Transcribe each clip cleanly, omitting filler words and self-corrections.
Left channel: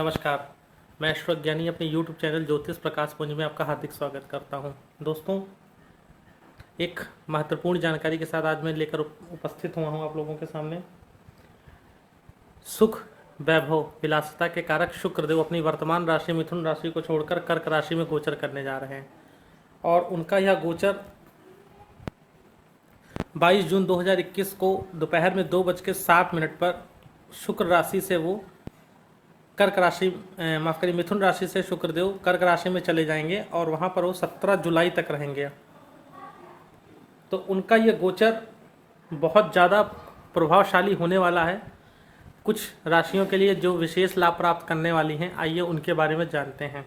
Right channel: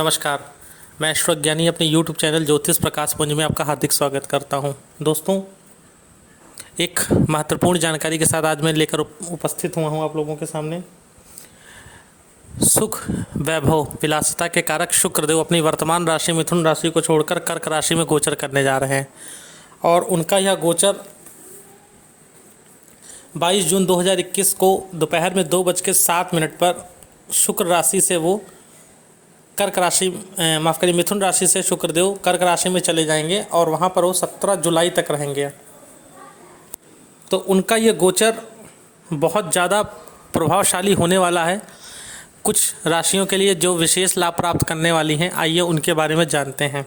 नमस्कार। मैं ईश्वर ज्ञानी अपने YouTube चैनल ज्योतिष प्रकाश पुंज में आपका हार्दिक स्वागत करता हूं। दोस्तों, एक महत्वपूर्ण जानकारी के साथ आज मैं लेकर उपस्थित हुआ हूं आप लोगों के सामने। सुख, वैभव, विलासिता के कारक शुक्रदेव अपनी वर्तमान राशि मिथुन राशि को छोड़कर कर्क राशि में गोचर करने जा रहे हैं और उनका यह गोचर 22 जून 2021 को दोपहर में 2:07 पर शुक्र राशि से वो कर्क राशि माफ़ करिए मिथुन राशि से शुक्रदेव कर्क राशि में चले जाएंगे और वहाँ पर वो 17 जुलाई तक रहेंगे। तो उनका ये गोचर बहुत ज़्यादा प्रभावशाली होने वाला है कुछ राशियों के लिए जो विशेष लाभ प्राप्त करने वाली हैं। आइए उनके बारे में जानते हैं,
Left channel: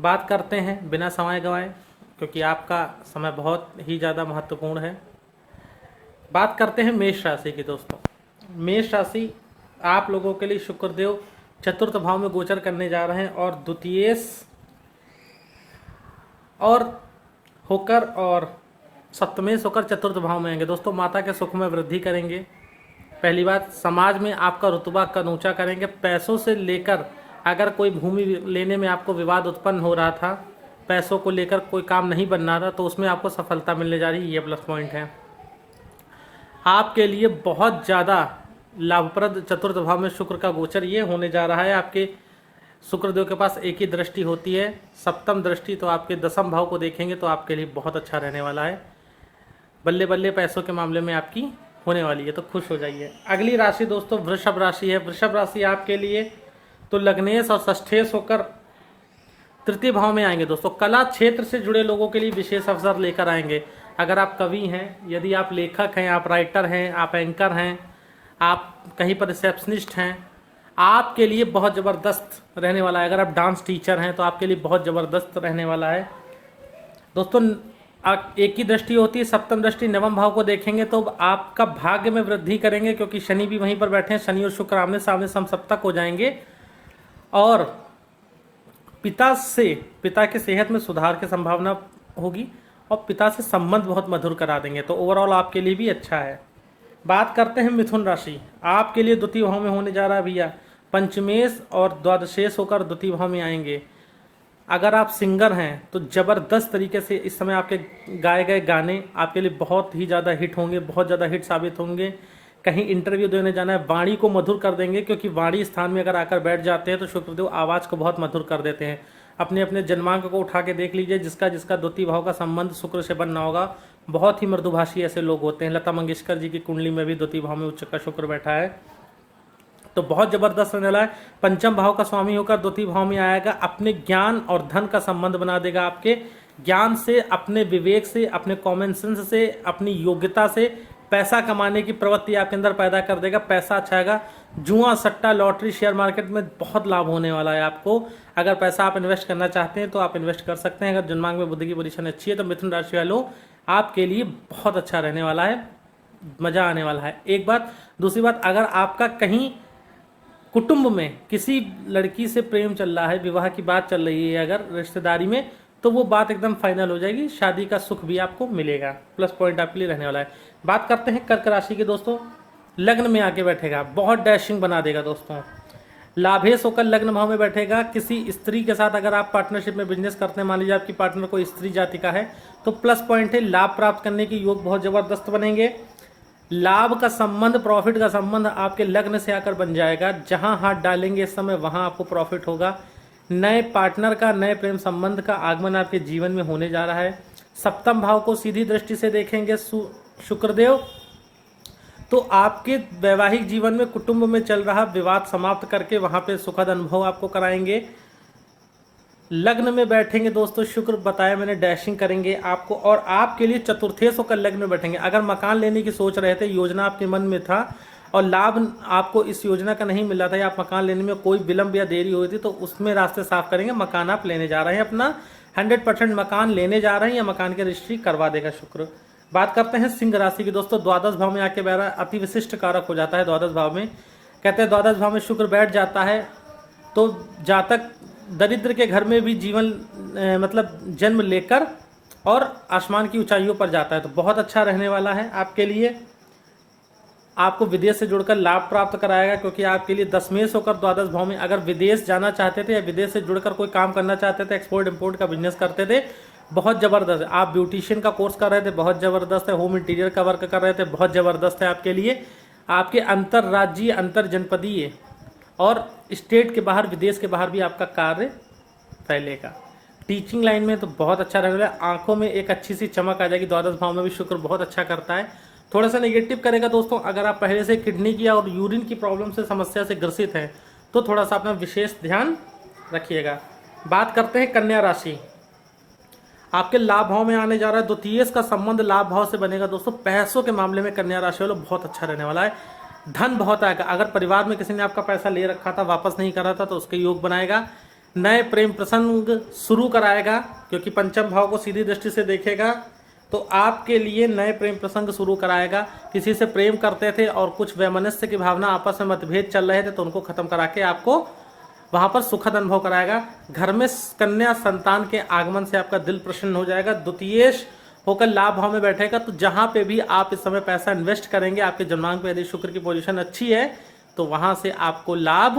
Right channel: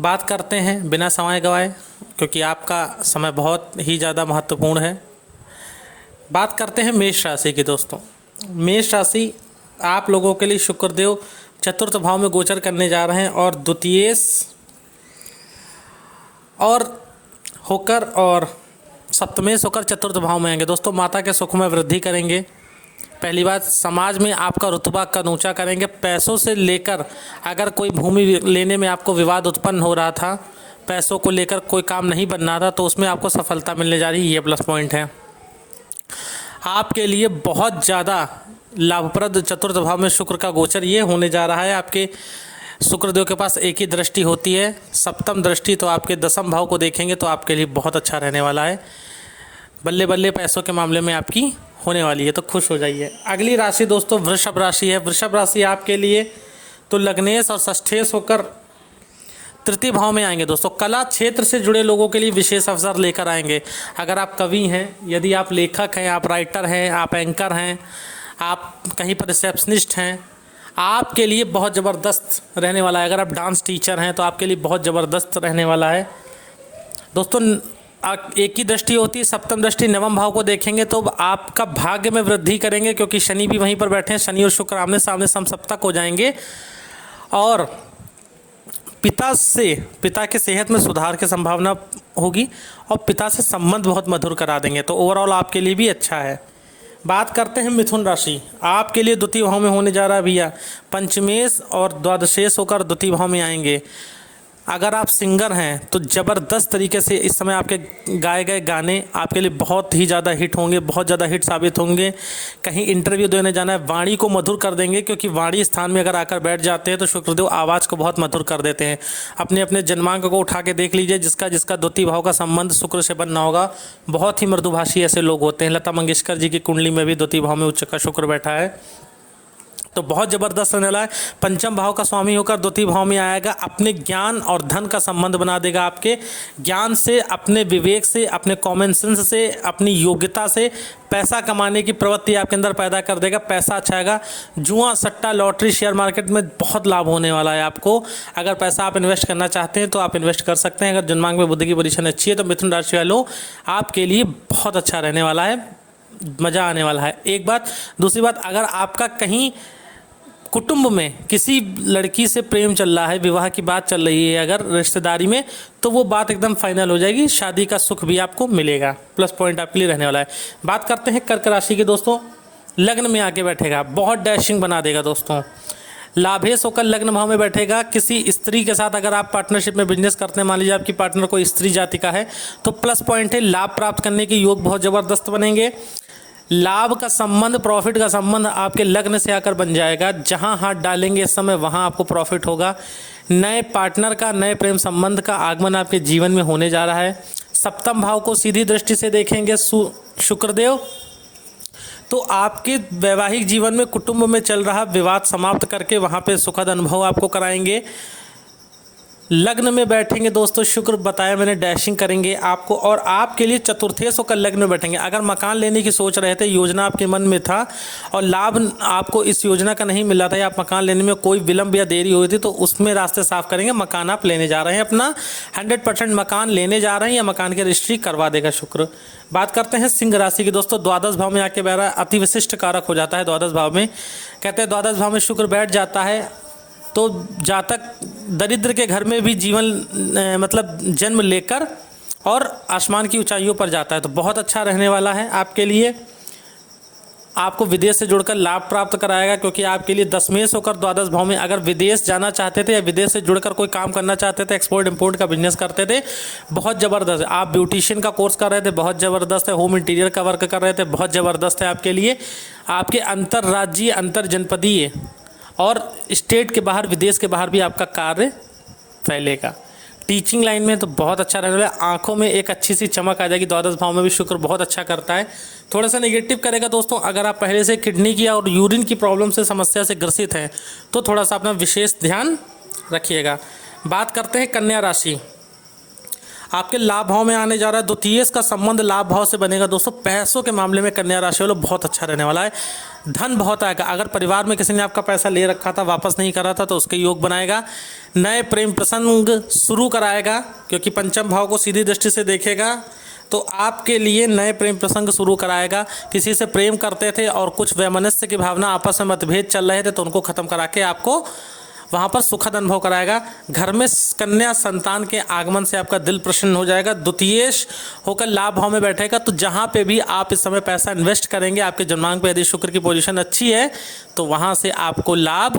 बात करते हैं बिना समय गंवाए, क्योंकि आपका समय बहुत ही ज़्यादा महत्वपूर्ण है। बात करते हैं मेष राशि की। दोस्तों, मेष राशि आप लोगों के लिए शुक्रदेव चतुर्थ भाव में गोचर करने जा रहे हैं और द्वितीयेश और होकर और सप्तमेश होकर चतुर्थ भाव में आएंगे। दोस्तों, माता के सुख में वृद्धि करेंगे। पहली बात, समाज में आपका रुतबा का ऊंचा करेंगे। पैसों से लेकर अगर कोई भूमि लेने में आपको विवाद उत्पन्न हो रहा था, पैसों को लेकर कोई काम नहीं बन रहा था, तो उसमें आपको सफलता मिलने जा रही है। ये प्लस पॉइंट है आपके लिए। बहुत ज़्यादा लाभप्रद चतुर्थ भाव में शुक्र का गोचर ये होने जा रहा है। आपके शुक्रदेव के पास एक ही दृष्टि होती है, सप्तम दृष्टि, तो आपके दसम भाव को देखेंगे तो आपके लिए बहुत अच्छा रहने वाला है। बल्ले बल्ले पैसों के मामले में आपकी होने वाली है, तो खुश हो जाइए। अगली राशि दोस्तों वृषभ राशि है। वृषभ राशि आपके लिए तो लग्नेश और षष्ठेश होकर तृतीय भाव में आएंगे। दोस्तों, कला क्षेत्र से जुड़े लोगों के लिए विशेष अवसर लेकर आएंगे। अगर आप कवि हैं, यदि आप लेखक हैं, आप राइटर हैं, आप एंकर हैं, आप कहीं पर रिसेप्शनिस्ट हैं, आपके लिए बहुत ज़बरदस्त रहने वाला है। अगर आप डांस टीचर हैं तो आपके लिए बहुत ज़बरदस्त रहने वाला है। दोस्तों, एक ही दृष्टि होती है, सप्तम दृष्टि नवम भाव को देखेंगे तो आपका भाग्य में वृद्धि करेंगे, क्योंकि शनि भी वहीं पर बैठे हैं। शनि और शुक्र आमने सामने समसप्तक हो जाएंगे और पिता की सेहत में सुधार की संभावना होगी और पिता से संबंध बहुत मधुर करा देंगे। तो ओवरऑल आपके लिए भी अच्छा है। बात करते हैं मिथुन राशि। आपके लिए द्वितीय भाव में होने जा रहा है भैया। पंचमेश और द्वादशेश होकर द्वितीय भाव में आएंगे। अगर आप सिंगर हैं तो ज़बरदस्त तरीके से इस समय आपके गाए गए गाने आपके लिए बहुत ही ज़्यादा हिट होंगे, बहुत ज़्यादा हिट साबित होंगे। कहीं इंटरव्यू देने जाना है, वाणी को मधुर कर देंगे, क्योंकि वाणी स्थान में अगर आकर बैठ जाते हैं तो शुक्रदेव आवाज़ को बहुत मधुर कर देते हैं। अपने अपने जन्मांक को उठा के देख लीजिए, जिसका जिसका द्वितीय भाव का संबंध शुक्र से बनना होगा। बहुत ही मृदुभाषी ऐसे लोग होते हैं। लता मंगेशकर जी की कुंडली में भी द्वितीय भाव में उच्च का शुक्र बैठा है, तो बहुत ज़बरदस्त रहने वाला है। पंचम भाव का स्वामी होकर द्वितीय भाव में आएगा। अपने ज्ञान और धन का संबंध बना देगा। आपके ज्ञान से, अपने विवेक से, अपने कॉमन सेंस से, अपनी योग्यता से पैसा कमाने की प्रवृत्ति आपके अंदर पैदा कर देगा। पैसा अच्छा आएगा। जुआ, सट्टा, लॉटरी, शेयर मार्केट में बहुत लाभ होने वाला है आपको। अगर पैसा आप इन्वेस्ट करना चाहते हैं तो आप इन्वेस्ट कर सकते हैं। अगर जन्मांक में बुध की पोजीशन अच्छी है तो मिथुन राशि वालों आपके लिए बहुत अच्छा रहने वाला है, मज़ा आने वाला है। एक बात। दूसरी बात, अगर आपका कहीं कुटुंब में किसी लड़की से प्रेम चल रहा है, विवाह की बात चल रही है अगर रिश्तेदारी में, तो वो बात एकदम फाइनल हो जाएगी। शादी का सुख भी आपको मिलेगा। प्लस पॉइंट आपके लिए रहने वाला है। बात करते हैं कर्क राशि के। दोस्तों, लग्न में आके बैठेगा, बहुत डैशिंग बना देगा। दोस्तों, लाभेश होकर लग्न भाव में बैठेगा। किसी स्त्री के साथ अगर आप पार्टनरशिप में बिजनेस करते हैं, मान लीजिए आपकी पार्टनर कोई स्त्री जाति का है, तो प्लस पॉइंट है, लाभ प्राप्त करने के योग बहुत ज़बरदस्त बनेंगे। लाभ का संबंध, प्रॉफिट का संबंध आपके लग्न से आकर बन जाएगा। जहां हाथ डालेंगे इस समय वहां आपको प्रॉफिट होगा। नए पार्टनर का, नए प्रेम संबंध का आगमन आपके जीवन में होने जा रहा है। सप्तम भाव को सीधी दृष्टि से देखेंगे शुक्रदेव, तो आपके वैवाहिक जीवन में कुटुंब में चल रहा विवाद समाप्त करके वहां पे सुखद अनुभव आपको कराएंगे। लग्न में बैठेंगे दोस्तों, शुक्र बताया मैंने, डैशिंग करेंगे आपको। और आपके लिए चतुर्थेश होकर लग्न में बैठेंगे। अगर मकान लेने की सोच रहे थे, योजना आपके मन में था और लाभ आपको इस योजना का नहीं मिला था, या आप मकान लेने में कोई विलंब या देरी हुई थी, तो उसमें रास्ते साफ करेंगे। मकान आप लेने जा रहे हैं, अपना 100% मकान लेने जा रहे हैं या मकान की रजिस्ट्री करवा देगा शुक्र। बात करते हैं सिंह राशि की। दोस्तों, द्वादश भाव में आके बैठा, अति विशिष्ट कारक हो जाता है द्वादश भाव में। कहते हैं द्वादश भाव में शुक्र बैठ जाता है तो जातक दरिद्र के घर में भी जीवन मतलब जन्म लेकर और आसमान की ऊंचाइयों पर जाता है, तो बहुत अच्छा रहने वाला है आपके लिए। आपको विदेश से जुड़कर लाभ प्राप्त कराएगा, क्योंकि आपके लिए दशमेश होकर द्वादश भाव में, अगर विदेश जाना चाहते थे या विदेश से जुड़कर कोई काम करना चाहते थे, एक्सपोर्ट इंपोर्ट का बिजनेस करते थे, बहुत ज़बरदस्त है। आप ब्यूटिशियन का कोर्स कर रहे थे, बहुत ज़बरदस्त है। होम इंटीरियर का वर्क कर रहे थे, बहुत ज़बरदस्त है आपके लिए। आपके अंतर्राज्यीय, अंतर जनपदीय और स्टेट के बाहर, विदेश के बाहर भी आपका कार्य फैलेगा। टीचिंग लाइन में तो बहुत अच्छा रहने वाला है। आंखों में एक अच्छी सी चमक आ जाएगी। द्वादश भाव में भी शुक्र बहुत अच्छा करता है। थोड़ा सा नेगेटिव करेगा दोस्तों, अगर आप पहले से किडनी की और यूरिन की प्रॉब्लम से, समस्या से ग्रसित हैं, तो थोड़ा सा अपना विशेष ध्यान रखिएगा। बात करते हैं कन्या राशि। आपके लाभ भाव में आने जा रहा है। द्वितीय का संबंध लाभ भाव से बनेगा दोस्तों। पैसों के मामले में कन्या राशि वालों बहुत अच्छा रहने वाला है। धन बहुत आएगा। अगर परिवार में किसी ने आपका पैसा ले रखा था, वापस नहीं कर रहा था, तो उसके योग बनाएगा। नए प्रेम प्रसंग शुरू कराएगा, क्योंकि पंचम भाव को सीधी दृष्टि से देखेगा, तो आपके लिए नए प्रेम प्रसंग शुरू कराएगा। किसी से प्रेम करते थे और कुछ वैमनस्य की भावना, आपस में मतभेद चल रहे थे, तो उनको खत्म करा के आपको वहाँ पर सुखद अनुभव कराएगा। घर में कन्या संतान के आगमन से आपका दिल प्रसन्न हो जाएगा। द्वितीयेश होकर लाभ भाव में बैठेगा, तो जहाँ पे भी आप इस समय पैसा इन्वेस्ट करेंगे, आपके जन्मांक पे यदि शुक्र की पोजीशन अच्छी है, तो वहाँ से आपको लाभ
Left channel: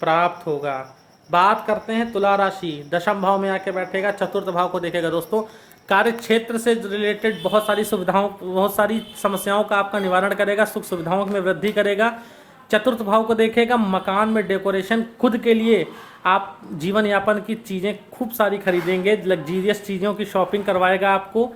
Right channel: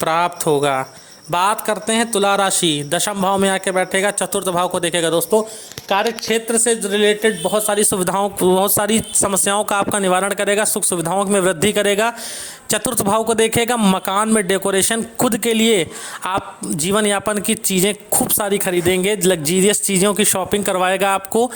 प्राप्त होगा। बात करते हैं तुला राशि। दशम भाव में आके बैठेगा, चतुर्थ भाव को देखेगा दोस्तों। कार्य क्षेत्र से रिलेटेड बहुत सारी सुविधाओं, बहुत सारी समस्याओं का आपका निवारण करेगा। सुख सुविधाओं में वृद्धि करेगा। चतुर्थ भाव को देखेगा। मकान में डेकोरेशन, खुद के लिए आप जीवन यापन की चीज़ें खूब सारी खरीदेंगे। लग्जीरियस चीज़ों की शॉपिंग करवाएगा आपको।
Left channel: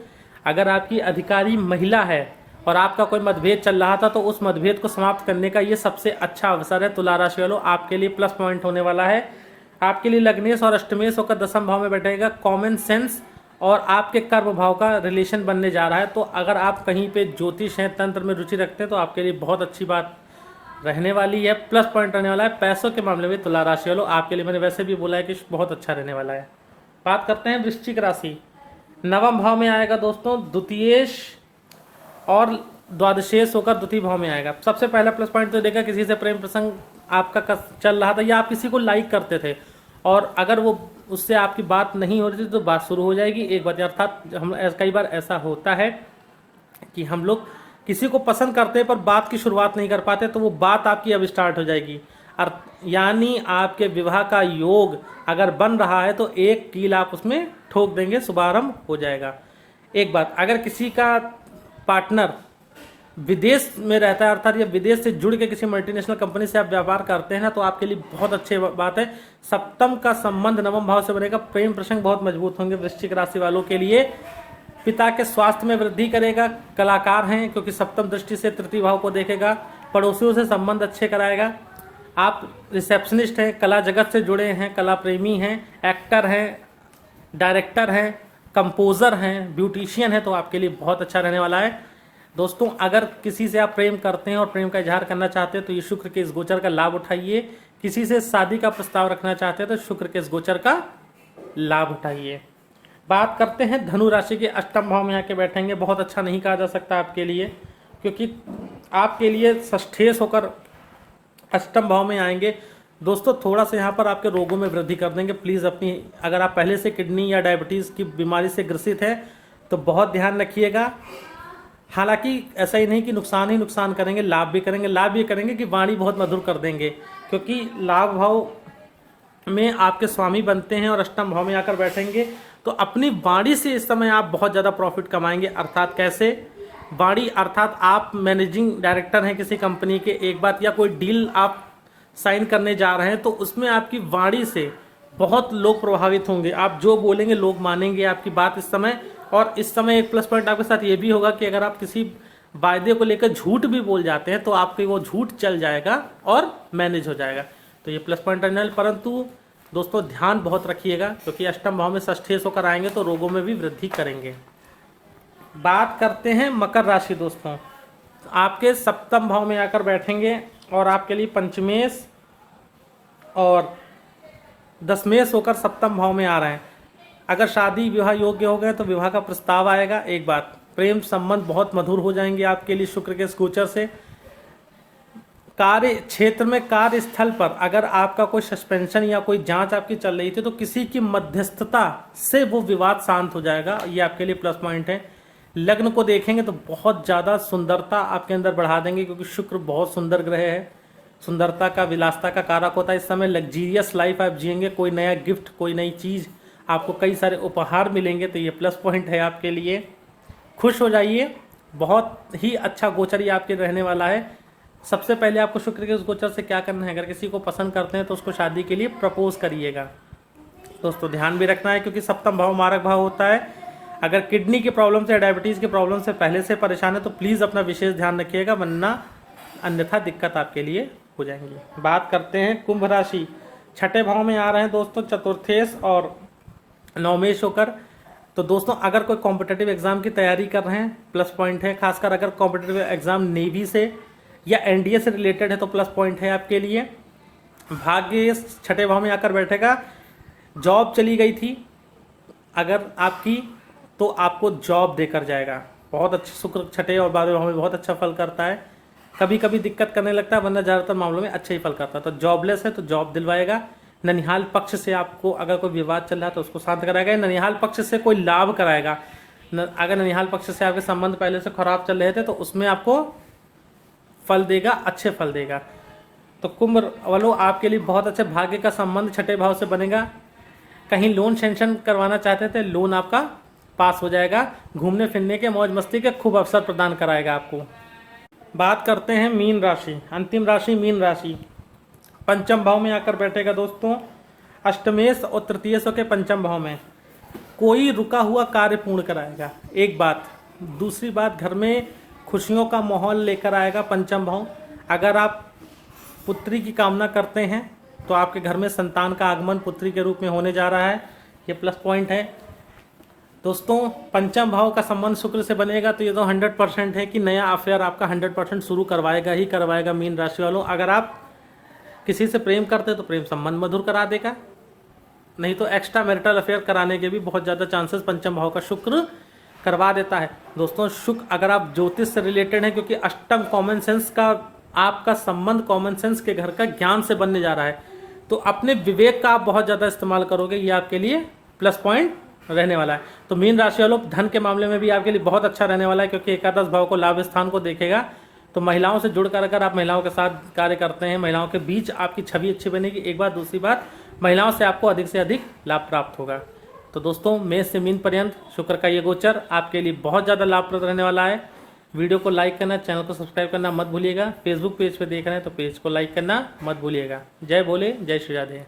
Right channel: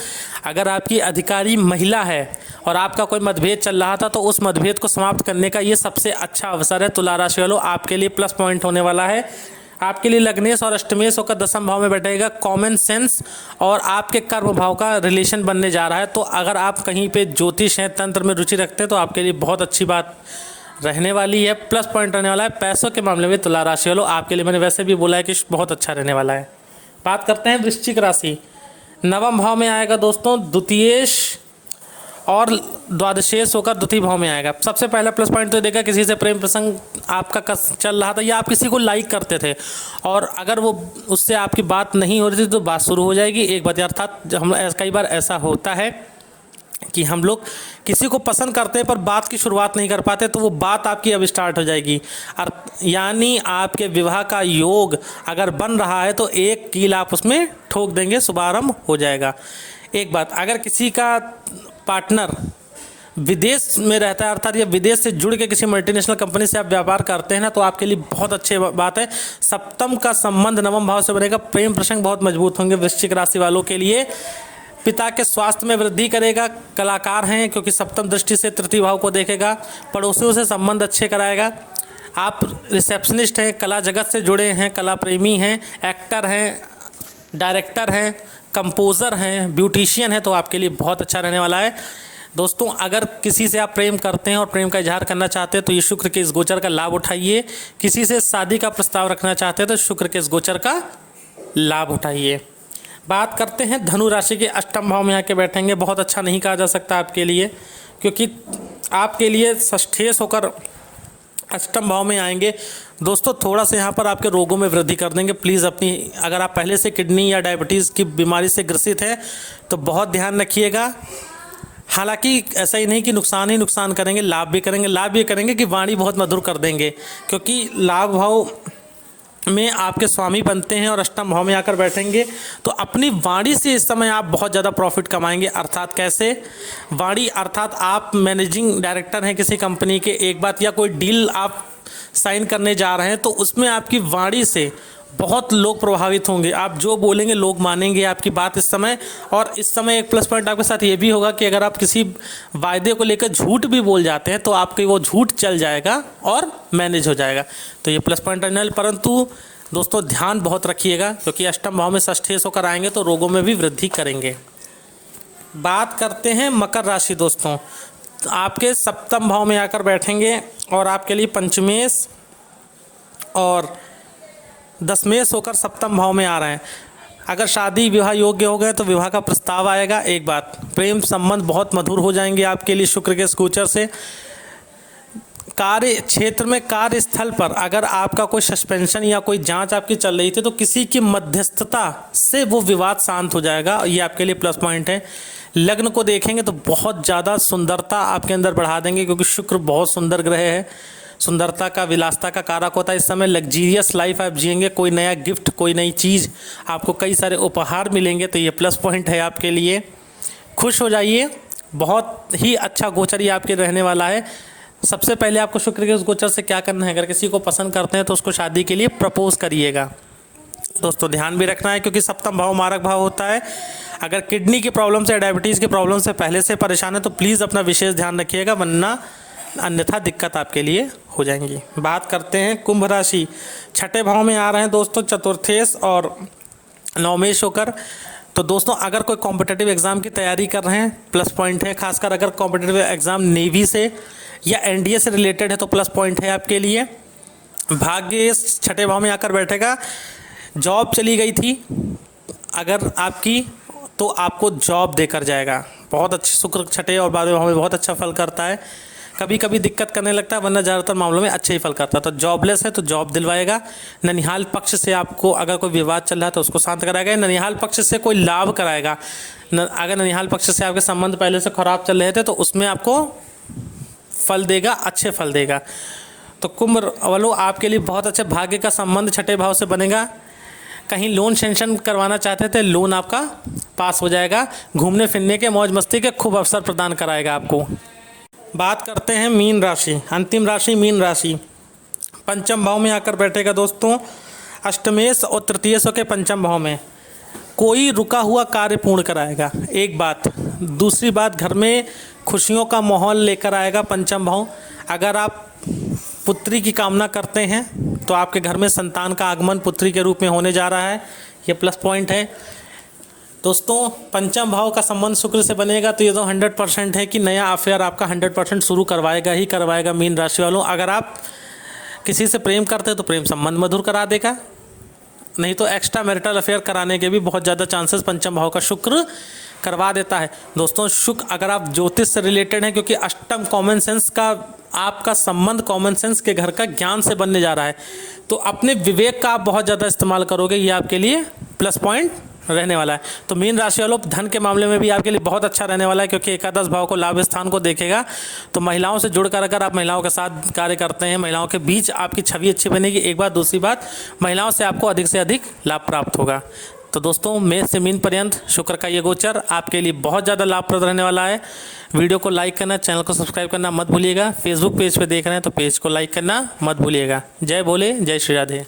अगर आपकी अधिकारी महिला है और आपका कोई मतभेद चल रहा था, तो उस मतभेद को समाप्त करने का ये सबसे अच्छा अवसर है। तुला राशि वालों, आपके लिए प्लस पॉइंट होने वाला है। आपके लिए लग्नेश और अष्टमेश होकर दशम भाव में बैठेगा। कॉमन सेंस और आपके कर्म भाव का रिलेशन बनने जा रहा है। तो अगर आप कहीं पे ज्योतिष हैं, तंत्र में रुचि रखते हैं, तो आपके लिए बहुत अच्छी बात रहने वाली है। प्लस पॉइंट रहने वाला है। पैसों के मामले में तुला राशि वालों, आपके लिए मैंने वैसे भी बोला है कि बहुत अच्छा रहने वाला है। बात करते हैं वृश्चिक राशि। नवम भाव में आएगा दोस्तों। द्वितीयेश और द्वादशेश होकर द्वितीय भाव में आएगा। सबसे पहला प्लस पॉइंट तो देखा, किसी से प्रेम प्रसंग आपका चल रहा था या आप किसी को लाइक करते थे, और अगर वो उससे आपकी बात नहीं हो रही थी, तो बात शुरू हो जाएगी एक बार। अर्थात हम कई बार ऐसा होता है कि हम लोग किसी को पसंद करते हैं पर बात की शुरुआत नहीं कर पाते, तो वो बात आपकी अब स्टार्ट हो जाएगी। यानी आपके विवाह का योग अगर बन रहा है, तो एक कील आप उसमें ठोक देंगे, शुभारंभ हो जाएगा। एक बात, अगर किसी का पार्टनर विदेश में रहता है, अर्थात ये विदेश से जुड़ के किसी मल्टीनेशनल कंपनी से आप व्यापार करते हैं ना, तो आपके लिए बहुत अच्छी बात है। सप्तम का संबंध नवम भाव से बनेगा। प्रेम प्रसंग बहुत मजबूत होंगे वृश्चिक राशि वालों के लिए। पिता के स्वास्थ्य में वृद्धि करेगा। कलाकार हैं, क्योंकि सप्तम दृष्टि से तृतीय भाव को देखेगा। पड़ोसियों से संबंध अच्छे कराएगा। आप रिसेप्शनिस्ट हैं, कला जगत से जुड़े हैं, कला प्रेमी हैं, एक्टर हैं, डायरेक्टर हैं, कंपोज़र हैं, ब्यूटिशियन हैं, तो आपके लिए बहुत अच्छा रहने वाला है। दोस्तों, अगर किसी से आप प्रेम करते हैं और प्रेम का इजहार करना चाहते हैं, तो ये शुक्र के इस गोचर का लाभ उठाइए। किसी से शादी का प्रस्ताव रखना चाहते हैं, तो शुक्र के इस गोचर का लाभ उठाइए। बात करते हैं धनु राशि के। अष्टम भाव में आके बैठेंगे। बहुत अच्छा नहीं कहा जा सकता आपके लिए, क्योंकि आपके लिए षष्ठेश होकर अष्टम भाव में आएंगे। दोस्तों, थोड़ा सा यहाँ पर आपके रोगों में वृद्धि कर देंगे। प्लीज़ अपनी, अगर आप पहले से किडनी या डायबिटीज़ की बीमारी से ग्रसित हैं, तो बहुत ध्यान रखिएगा। हालांकि ऐसा ही नहीं कि नुकसान ही नुकसान करेंगे, लाभ भी करेंगे। लाभ ये करेंगे कि वाणी बहुत मधुर कर देंगे, क्योंकि लाभ भाव में आपके स्वामी बनते हैं और अष्टम भाव में आकर बैठेंगे, तो अपनी वाणी से इस समय आप बहुत ज़्यादा प्रॉफिट कमाएंगे। अर्थात कैसे? वाणी अर्थात आप मैनेजिंग डायरेक्टर हैं किसी कंपनी के, एक बात, या कोई डील आप साइन करने जा रहे हैं, तो उसमें आपकी वाणी से बहुत लोग प्रभावित होंगे। आप जो बोलेंगे लोग मानेंगे आपकी बात इस समय। और इस समय एक प्लस पॉइंट आपके साथ ये भी होगा कि अगर आप किसी वायदे को लेकर झूठ भी बोल जाते हैं, तो आपके वो झूठ चल जाएगा और मैनेज हो जाएगा। तो ये प्लस पॉइंट रहने वाले। परंतु दोस्तों, ध्यान बहुत रखिएगा, क्योंकि अष्टम भाव में षष्ठेश होकर आएंगे, तो रोगों में भी वृद्धि करेंगे। बात करते हैं मकर राशि। दोस्तों, आपके सप्तम भाव में आकर बैठेंगे और आपके लिए पंचमेश और दशमेश होकर सप्तम भाव में आ रहे हैं। अगर शादी विवाह योग्य हो गए, तो विवाह का प्रस्ताव आएगा। एक बात, प्रेम संबंध बहुत मधुर हो जाएंगे आपके लिए शुक्र के इस गोचर से। कार्य क्षेत्र में, कार्यस्थल पर अगर आपका कोई सस्पेंशन या कोई जांच आपकी चल रही थी तो किसी की मध्यस्थता से वो विवाद शांत हो जाएगा, ये आपके लिए प्लस पॉइंट है। लग्न को देखेंगे तो बहुत ज़्यादा सुंदरता आपके अंदर बढ़ा देंगे, क्योंकि शुक्र बहुत सुंदर ग्रह है, सुंदरता का, विलासता का कारक होता है। इस समय लग्जीरियस लाइफ आप जिएंगे, कोई नया गिफ्ट, कोई नई चीज़, आपको कई सारे उपहार मिलेंगे, तो ये प्लस पॉइंट है आपके लिए। खुश हो जाइए, बहुत ही अच्छा गोचर ये आपके रहने वाला है। सबसे पहले आपको शुक्र के उस गोचर से क्या करना है, अगर किसी को पसंद करते हैं तो उसको शादी के लिए प्रपोज करिएगा। दोस्तों ध्यान भी रखना है, क्योंकि सप्तम भाव मारक भाव होता है। अगर किडनी की प्रॉब्लम से, डायबिटीज़ की प्रॉब्लम से पहले से परेशान है तो प्लीज़ अपना विशेष ध्यान रखिएगा, वरना अन्यथा दिक्कत आपके लिए हो जाएंगी। बात करते हैं कुंभ राशि। छठे भाव में आ रहे हैं दोस्तों चतुर्थेश और नवमेश होकर। तो दोस्तों अगर कोई कॉम्पिटिटिव एग्ज़ाम की तैयारी कर रहे हैं, प्लस पॉइंट है। खासकर अगर कॉम्पिटिटिव एग्ज़ाम नेवी से या एनडीए से रिलेटेड है तो प्लस पॉइंट है आपके लिए। भाग्य छठे भाव में आकर बैठेगा। जॉब चली गई थी अगर आपकी, तो आपको जॉब देकर जाएगा। बहुत अच्छे, शुक्र छठे और 12वें भाव में बहुत अच्छा फल करता है। कभी कभी दिक्कत करने लगता है, वरना ज़्यादातर मामलों में अच्छे ही फल करता है। तो जॉबलेस है तो जॉब दिलवाएगा। ननिहाल पक्ष से आपको अगर कोई विवाद चल रहा है तो उसको शांत कराएगा। ननिहाल पक्ष से कोई लाभ कराएगा। अगर ननिहाल पक्ष से आपके संबंध पहले से खराब चल रहे थे तो उसमें आपको फल देगा, अच्छे फल देगा। तो कुंभ वालों आपके लिए बहुत अच्छे भाग्य का संबंध छठे भाव से बनेगा। कहीं लोन सेंक्शन करवाना चाहते थे, लोन आपका पास हो जाएगा। घूमने फिरने के, मौज मस्ती के खूब अवसर प्रदान कराएगा आपको। बात करते हैं मीन राशि, अंतिम राशि मीन राशि। पंचम भाव में आकर बैठेगा दोस्तों अष्टमेश और तृतीयेश के पंचम भाव में। कोई रुका हुआ कार्य पूर्ण कराएगा, एक बात। दूसरी बात, घर में खुशियों का माहौल लेकर आएगा पंचम भाव। अगर आप पुत्री की कामना करते हैं तो आपके घर में संतान का आगमन पुत्री के रूप में होने जा रहा है, ये प्लस पॉइंट है। दोस्तों पंचम भाव का संबंध शुक्र से बनेगा तो ये तो 100% है कि नया अफेयर आपका 100% शुरू करवाएगा ही करवाएगा मीन राशि वालों। अगर आप किसी से प्रेम करते हैं तो प्रेम संबंध मधुर करा देगा, नहीं तो एक्स्ट्रा मैरिटल अफेयर कराने के भी बहुत ज़्यादा चांसेस पंचम भाव का शुक्र करवा देता है। दोस्तों शुक्र, अगर आप ज्योतिष से रिलेटेड हैं, क्योंकि अष्टम कॉमन सेंस का आपका संबंध कॉमन सेंस के घर का ज्ञान से बनने जा रहा है, तो अपने विवेक का आप बहुत ज़्यादा इस्तेमाल करोगे, ये आपके लिए प्लस पॉइंट रहने वाला है। तो मीन राशि वालों धन के मामले में भी आपके लिए बहुत अच्छा रहने वाला है, क्योंकि एकादश भाव को लाभ स्थान को देखेगा। तो महिलाओं से जुड़कर अगर आप महिलाओं के साथ कार्य करते हैं, महिलाओं के बीच आपकी छवि अच्छी बनेगी। एक बात, दूसरी बात, महिलाओं से आपको अधिक से अधिक लाभ प्राप्त होगा। तो दोस्तों मेष से मीन पर्यंत शुक्र का ये गोचर आपके लिए बहुत ज़्यादा लाभप्रद रहने वाला है। वीडियो को लाइक करना, चैनल को सब्सक्राइब करना मत भूलिएगा। फेसबुक पेज पे देख रहे हैं तो पेज को लाइक करना मत भूलिएगा। जय भोले, जय श्री राधे।